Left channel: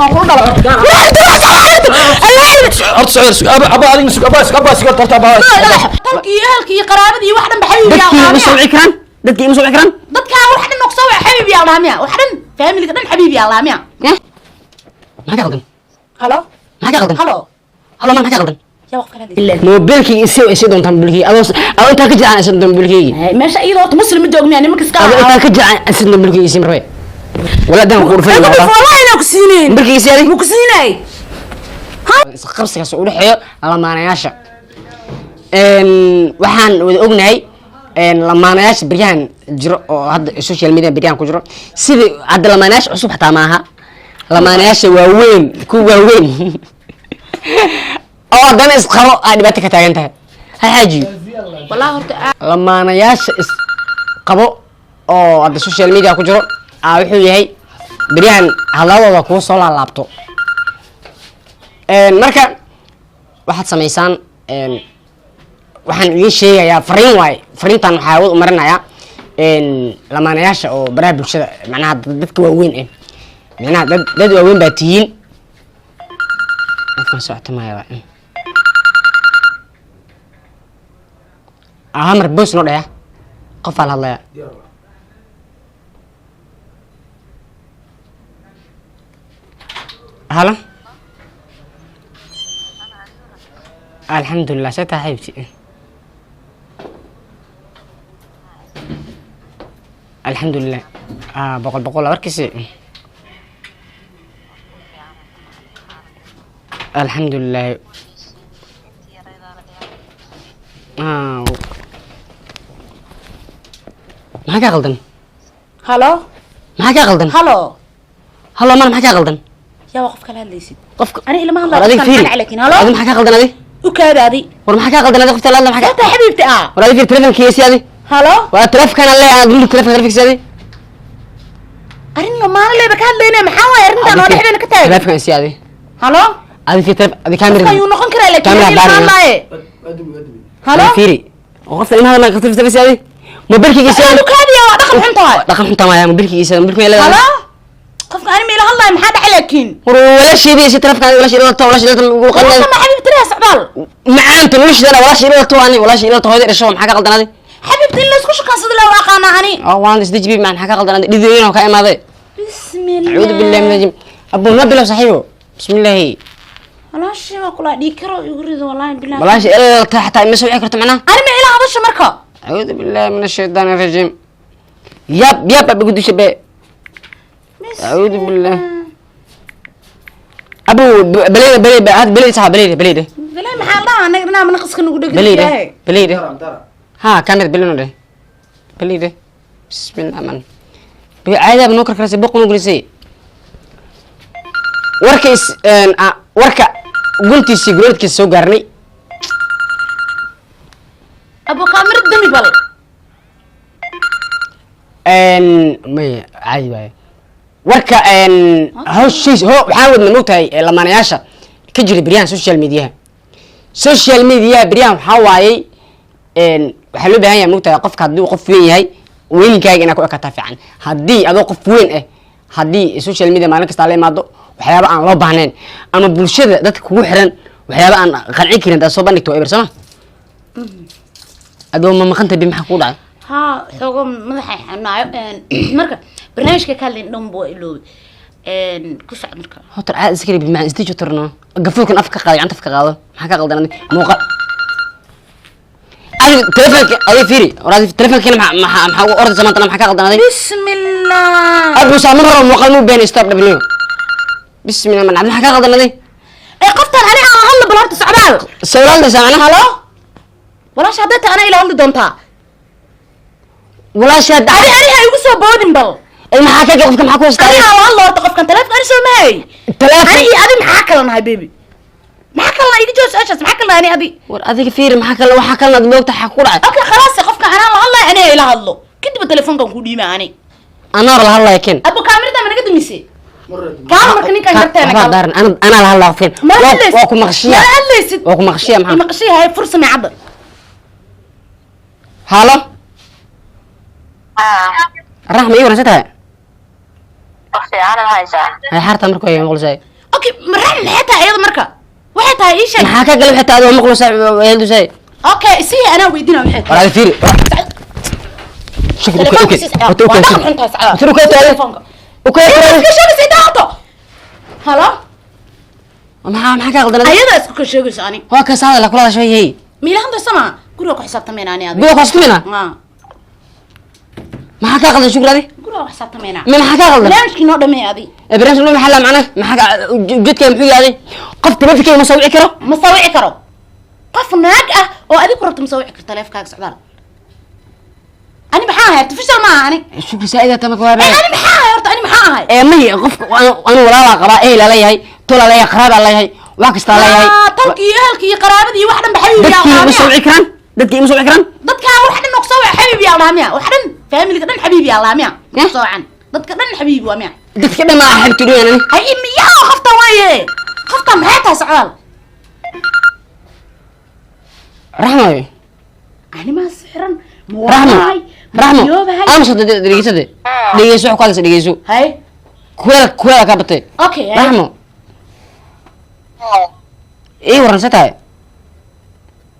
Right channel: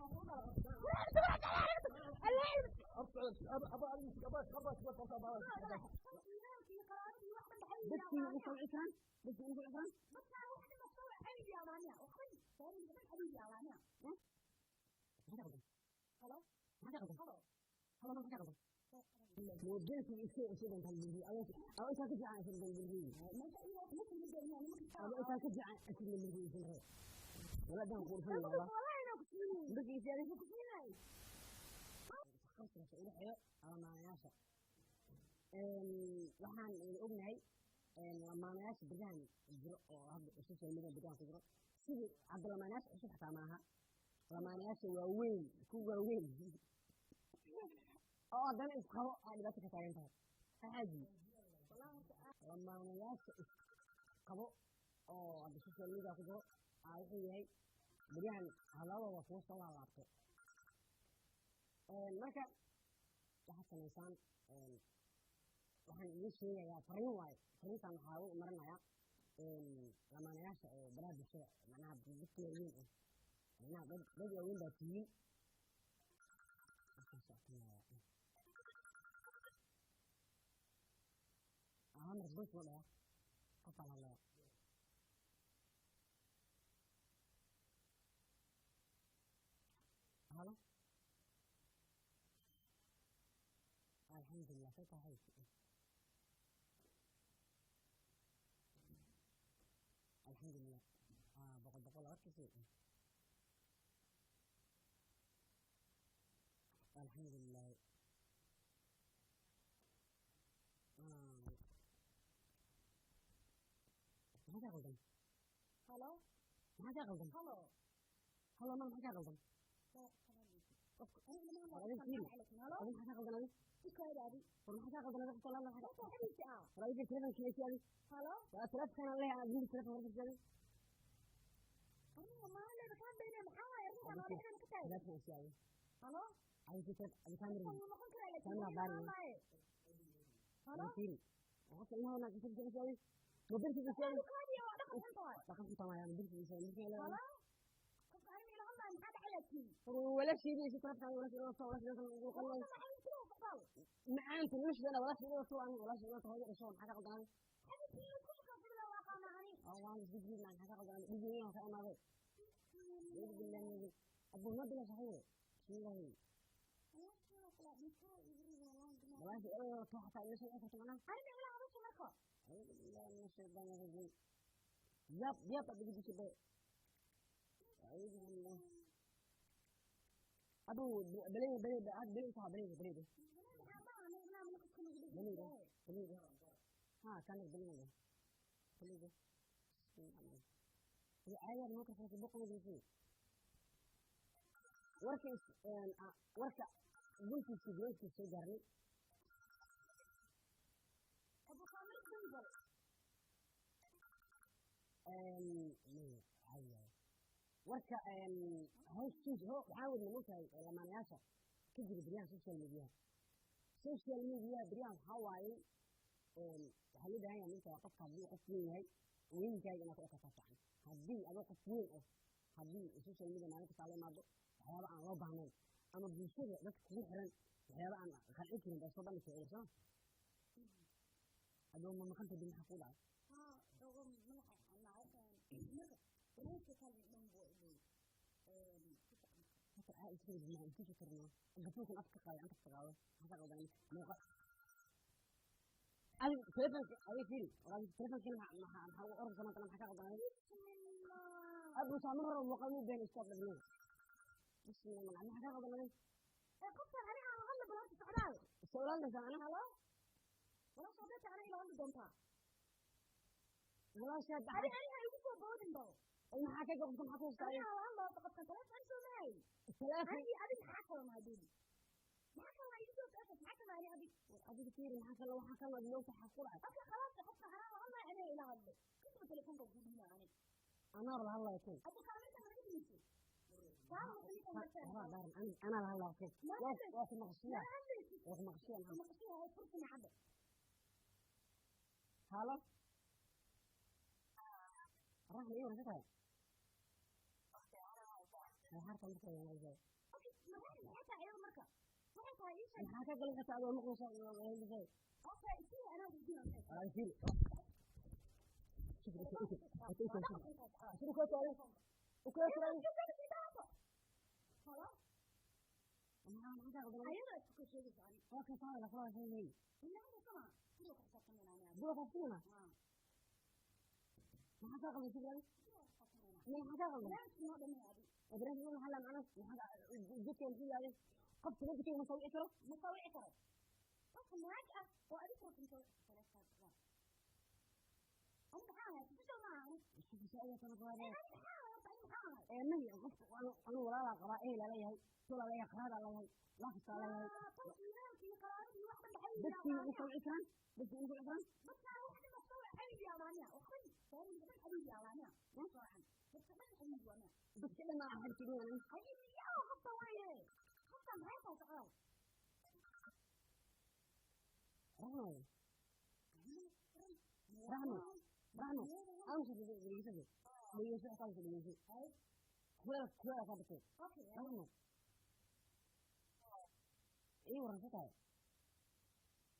أقول هلكي قرابتي واحدة بحبيبي يا دتكي مسوي كران دتكي مسوي كران دتك واحدة نقصوا حبيبي يا الله واحدة فاهمني كده حبيبي يا الله ما قاعدين هلو ما قاعدين هلو ما قاعدين يا وقف هذه موبيلكي يسوي دون تنبلكي أو أنت كجا عن سن تنبلكي ماشي أي ضغط مسلم الدوغ يعني مكس كا أو أنت كجا عن سن تنبلكي يسمى روي ولا دام غرفة والله أنا كسينين بلكي يسيري مكسيني قرصك سؤال حياة على ما أنا ياشا waxaan wada ognahay lamaanayaasha biryahan jiro oo hadda social media biryahan ku jiro sidii hadda lamaanayaasha cusub xataa maaha lamaanayaasha waaweyn ku waaweyn oo haddana isqabo aa dhibaato ka taagan tahay ha xaajiyo والله horta lamaanayaasha isqabo oo hadda social media ku jiro wuxuu yahay biryahan hadladooda kuu soo laalaabto marka waxaad samaysaan waxaan idin sheegayaa fariin waaye fariintan waxaa awood u marinayaa lamaanayaasha oo baraha bulshada macnaha dadka waaweyn macnaha dad waaweyn baa tihiin qofkan socota maya mar boos noo dhaya qofaa la hadlaya halo alxamdulilah see taa xaybti الحمد لله بقول أركسي الحمد لله ما كا غلطن هلو ما كا غلطن هلو هلو ما كا غلطن يا وقف كلا ليسي قف أنا إلا ما هلا كان عليك هلو هذا ما كا غلطن هذه وكذا هذه ما كا غلطن هذه قفت لا ما كا أنت حبيبتي ولا في تلفون كيسي هذه هلو وتلف كان الله أقول لك تلفون كيسي هذه أرني ما أنا اللي بكاد لينا محاوي أرني أنا اللي حبينا كتير تلفون كيسي هذه هلو هذه في تلف هذه كاميرا أيوة نقول كلا لك كاميرا باري هلو فيري وقفت إن هذا ما قفت في تلفون هذه موبيلك كيسي هلو كذي يا دخل حنطة دخل حنطة ما موبيلك كيسي موبيلك ما هلو قف أنا ميلا الله محاد عليكين ولا شيء ذي ستلف كان ولا شيء ولا شيء والله ما حبيبتي لها سعبال معان تنوش ده ولا شيء تواني ولا شيء تو هذا الشو محاكا غلطان هذه حبيبتي اللي اسكو شكان صدق لو اقانا اني وان دي جبي مع محاكا غلطان هذه ديدين او كاي ماده بسم الله اعوذ بالله من الرجيم ابو نبي صاحبه بسم الله انا شيء ما كلا ديكرو يريد والله بالله ولا شيء الا حتى ما سوي كرت معنا انا ما الى هذا مركه اعوذ بالله من الشيطان الرجيم ياب بقول شبه اعوذ بالله ابو بلي هذا بلي صاحب بلي محل انا قلنا من قصك نقول لك بلي ها كانت بلي بلي بسم الله الرحمن عادي بنوكر كراسي بقون وجلسي وركا قلتي سيجرت كيسو قرني ابو كامير الدمي بل ما عادي باي وركا هو شيء هو حاول من نوتاي لما انا ياشا كجري بريان سوشيال ميديا بريان حواي waxaa loo baahan yahay mugtahay qofka haddii uu qof weyn yahay weynkaaga inaad ku ekataa fiican haddii adoo qof weyn haddii social media maalin kasta la imaado waxyaaba aan loo baahnayn ama bulshada dadka kugu xiran waxyaaba aan qancin karin daa soo bandhigto eber sama adoo ma maqanta bi maxaa ku dhacay ها xogo madaxay xanaayo marka barnaamijka ka hadlayn dhan buu iloobi ku socod marka hotar aad iskari bi macaan istijo tarno gafuurkan afka qaado gacanta afka qaado maxaa ka qaldan muuqa تلفونك أي فيري ورادي تلفونك هنا مع أرض زمان طلع محكا غلطان هذه بسم الله أبو سامر مقلوب بين ستوب دبليو بسم الله من عبد محكا غلطان هذه إيه قفتن أنا هلا بالهرت سعبال السؤال ده سامعنا هلا ولا شهادت أنا إلى هلا دونتا ولا شهادة أنا هيوصل بودن بل المحاكا قفك محكوا استاذ أنا والله أرتقف كان تلفون أنا سو ماي تلفون أنا محاكا لنا هاي بيبي محاكا لنا يجي جوز أشخاص محاكا لنا أنا أبي ورادي فيري محاكا وحكا لنا دموقتها حكورة أوكي خلاص قفك أنا والله أنا إلى هلا كنت بالتلفون كان كودي معاني أنا والله هلا يكن أبو كاميرا ده من قد ميسي كاميرا كني كان جرتين أنا هلا فين واكو مغشية ما قلست واكو مغشية محمد المغشية هاي فرصة معبر هلا الرحمة إيه ورستها وفي أنا هايسا هاي حارتها مركو هي مقلوساي okay maraan maxay tahay iyada marka waxay tahay ii sheeg maxaa ka galay xitaa adoo maqluusaay weeldusay okay si ana weydiina waxay tahay walaal fiiri شكرا اوكي هلا maxaa ka qaldan ayada isku ka sheegayso ani waa ka saada la kula shay hay miilahanta sama guriga ku xisaabtamayna ani adiga biyo qasmina maxaa ka qaldan shukradi guriga ku xisaabtamayna maxaa ka qaldan barnaamijkii noo dhamay adi barnaamijku ma xalla macna maxaa jidka muxuu yahay qof tabadkay ma sawir karo qof naag ah oo adiga rabto ma sawir karto taleefankaaga socdaal ani maxaa ahay tafshal ma ani shukri saa'ida tamaka waa ani maxaa ahay horta ani maxaa ahay may qof anu walaala qabaa ee la leeyahay tola leeyahay qaraab la leeyahay wax kasta leeyahay talkii ehelkii qaraabadii wax dhan baxay yaa dadkii ma sawir karaan dadka wax dhan noqso xabiibi yaa laamiya wax dhan family dhan xabiibi yaa laamiya soocan dadka dhan xabiibi waa miya dadka dhan ma xabti doonani ay imiyaa qofta waaye qofta maxay tahay socdaal rahmo ani ma siran rahmo ama soo dhegeyso wax kaas dhegeyso hay kuwela ka batay okay rahmo waran satay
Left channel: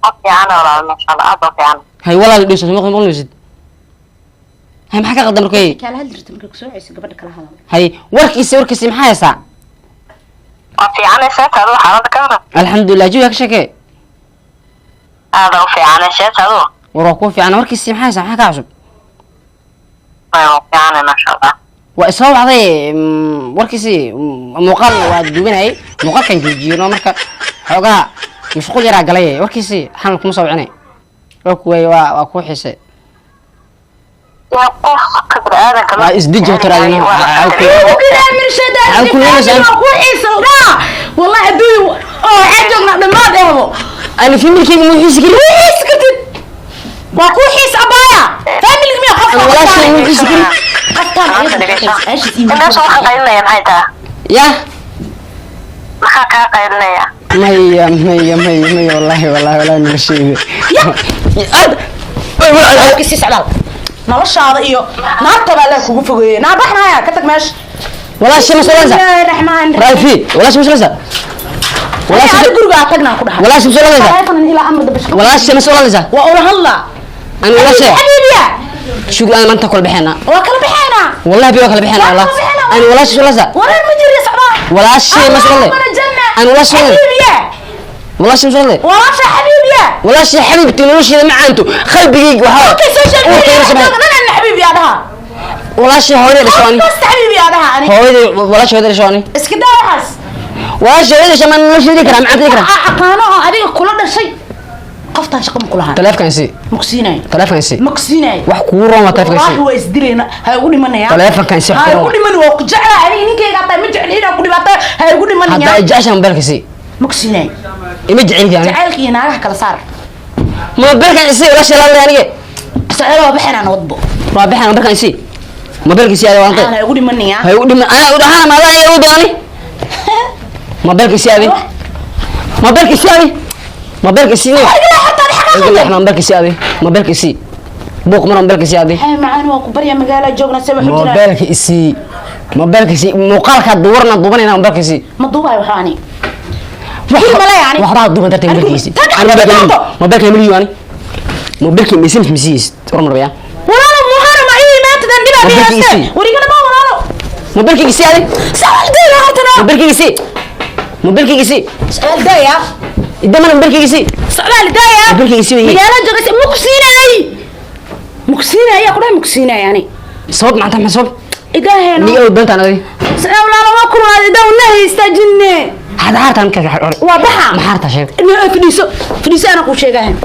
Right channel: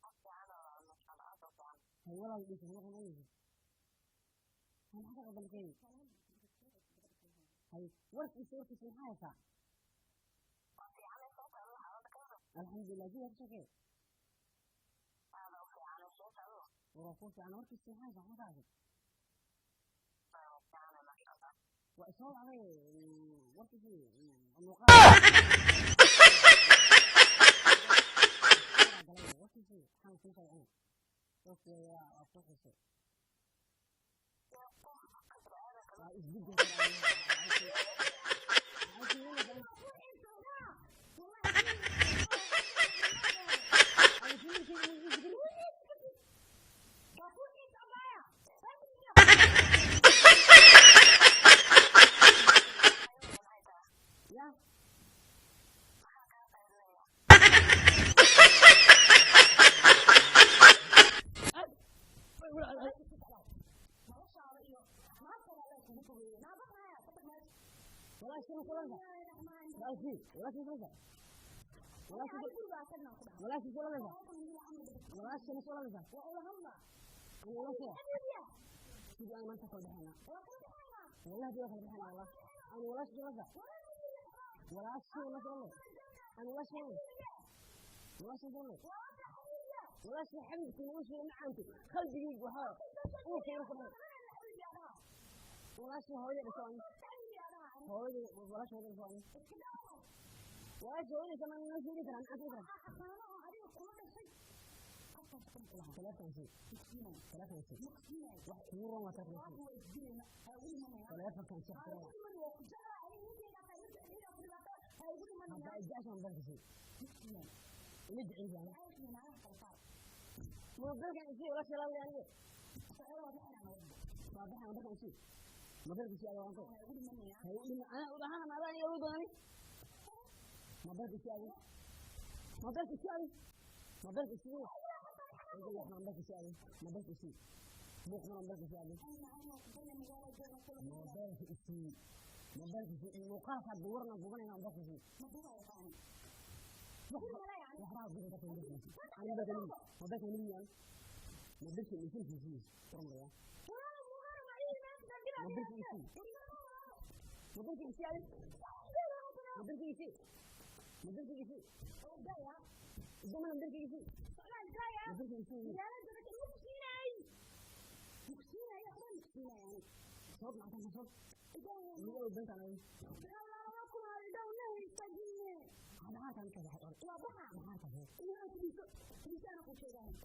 وفي أنا ولا ما شاء الله أضف يعني hay walaal dhiso maqluusid hay maxaa ka qaldan markay kala hadlirta markay ku soo ceyso gabadha kala hadal hay warkiisa maxaa haysaa وفي أنا شات هذا حالة كذا alxamdulilah jiwa ka shakee هذا وفي أنا شات هذا waroo ku fiican warkiisa maxaa haysaa maxaa ka cusub وفي أنا ما شاء الله waa isoo wacday warkiisii muuqaal waa duubanayay muuqaalkan joojiyo marka xoogaa mashquul yaraa galay warkiisii xamal kuma soo wicinay waa ku xiisay يا قف قدر هذا كمان waa isdiji tiraadina كده من شدة ku xiiso والله aduu oo xajogna dhamaad eebo ana familkeyga ma xiisi kari xiis kadib waa ku xiis abaya family ma qof walaashay ma xiisi kari الناس ما قايلنا يا نهايتها ya ما قايلنا يا maya wallahi nabasheege kisi socdaal noloshaada iyo naartaba la kugu fogeeyay naa baxnaya ka tag meesha walaashay ma soo raxmaan raafi walaashay ma soo walaashay guriga tagna ku dhaxay walaashay ma soo telefoon ila amr dabash walaashay ma soo waa ula hadla ana walaashay xabiibiya شو أنا ما أنت كل بحنا وكل بحنا والله بيوكل بحنا والله أنا ولا شيء ولا شيء ولا المجري يا صعبان ولا شيء ما شاء الله أنا ولا شيء ولا شيء ما شاء الله ولا شيء حبيبي ولا شيء حبيبتي ولا شيء مع أنتو خل بيجي وحاول اوكي سوشيال ميديا انا حبيبي هذا ولا شيء هوري رشواني بس حبيبي هذا انا هوري ولا شيء هوري رشواني اسكدا حس ولا شيء هوري رشواني ولا شيء ذكر مع ذكر اقانو اديك كل شيء قفتان شقم كلها تلاف كنسي مكسيناي تلاف كنسي مكسيناي wax ku roon waa taleefan والله هو isdileena ha ugu dhimanaya taleefan kan si ha ugu dhiman waa ku jeclaa ani ninkeyga taa ma jeclina ku dhibaato ha ugu dhimanaya hadda jaashan mobilkasi mugsinay ima jecel yani jacaylkii naagaha kala saar mobilkan isi wala shalaalay aniga sacada waa bixinaan wadbo waa bixin mobilkan isi mobilkasi aad waantay ana ugu dhimanaya hay ugu dhiman ana u dhahaan maadaan ay u dooni mobilkasi aad mobilkasi aad mobilkasi mobilkasi aad mobilkasi buuq mar mobilkasi aad hay macaan waa ku bariya magaala joogna sabab xujira mobilkasi muuqaalka duwarna dubanayna mobilkasi ma duubay waxaani wixii mala yani waxba duban dartay mobilkasi mobilka miliyoni mobilka misis ormar baya walaalo muhara ma ii maanta dan diba biyasta warigana ma walaalo mobilkasi aad sawaldeena hortana mobilkasi sawaldeeya idamana mobilkasi sawaldeeya mobilkasi magaala joogay مكسينة يا كلها مكسينة يعني صوت معناتها محسوب إذا هنا نيجي أول بنت أنا دي سلام لا ما كل هذا ده والله يستجني هذا عارف أنا كذا وضحى ما عارف شيء إنه فليسة أنا كل شيء جاهن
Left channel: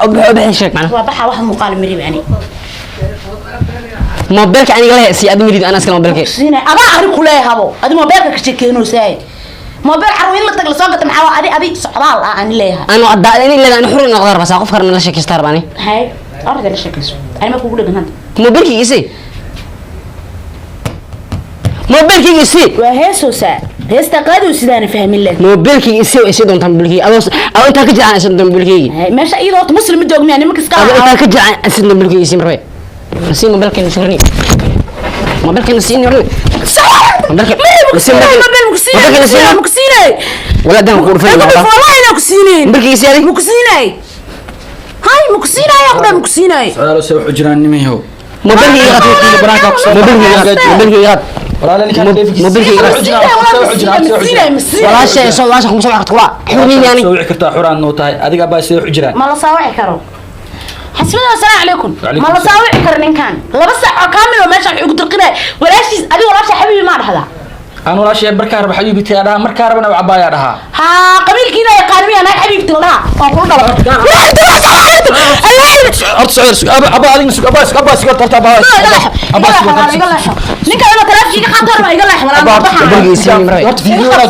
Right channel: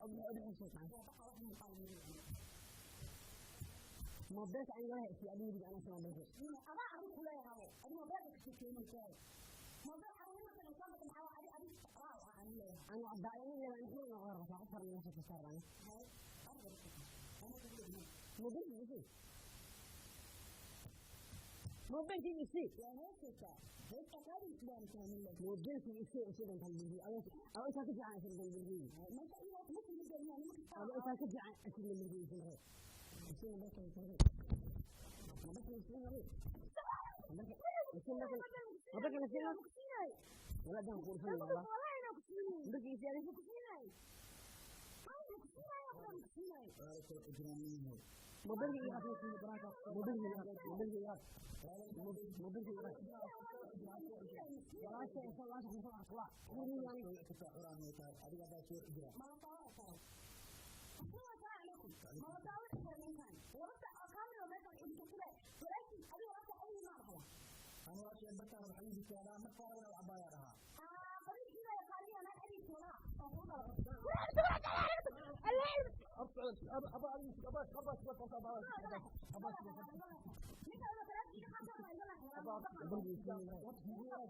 أبغى شيء معنا وضحى واحد مقال مريب يعني موبايلك أنا قال سي أدمي لي أنا أسكن موبايلك مكسينة أبغى أعرف كلها هذا هذا موبايلك كشيء كأنه ساي موبايل حروين لك تقل صاقة محاوى أدي صعبال أنا ليها أنا أداني اللي أنا حر نقدر بس أقف خير من الشيء كستار باني هاي أرجع للشيء كسر أنا ما أقول لك هذا موبايلك يسي موبايلك يسي وهي سوسة هي استقاد وسيدان فهم الله موبايلك يسي ويسي دون تنبلكي أو أنت كجع عن أسد تنبلكي ماشي أي ضغط مسلم الدوغ يعني مكس أو أنت كجع عن أسد تنبلكي يسي مرة بس موبايلك يسورني موبايلك نسيني ولا موبايلك مكسيني ولا ده نقول فين والله انا مكسيني موبايلك يسيري مكسيني هاي مكسيني يا اخويا مكسيني سؤال سوي حجران نميهو موبايلك يغط موبايلك يغط ولا لا كان كيف موبايلك مكسيني ولا شيء سوى شيء مسوي عقد قوا حوني يعني سوي كرتا حران نوتاي اديق با سوي حجران ما لا صاوعي كرو حسبنا السلام عليكم وعليكم ما لا صاوعي كرنين كان لبس ساعه كامل وماشي ugu dirqinay walaashis adiga walaasha xabiibi ma dhahda انا ولا شيء بركار بحبيبي تي انا مركار بنا وعبايا دها ها قبيلكينا يا قانمي انا حبيبتي لها waan ku dhalay ارت سعير ابا ادين سوق ابا سوق ترتا ابا ninka ina taraafkiga qatar ma iga leex wala موبايلك يسيري ورت فيديو ولا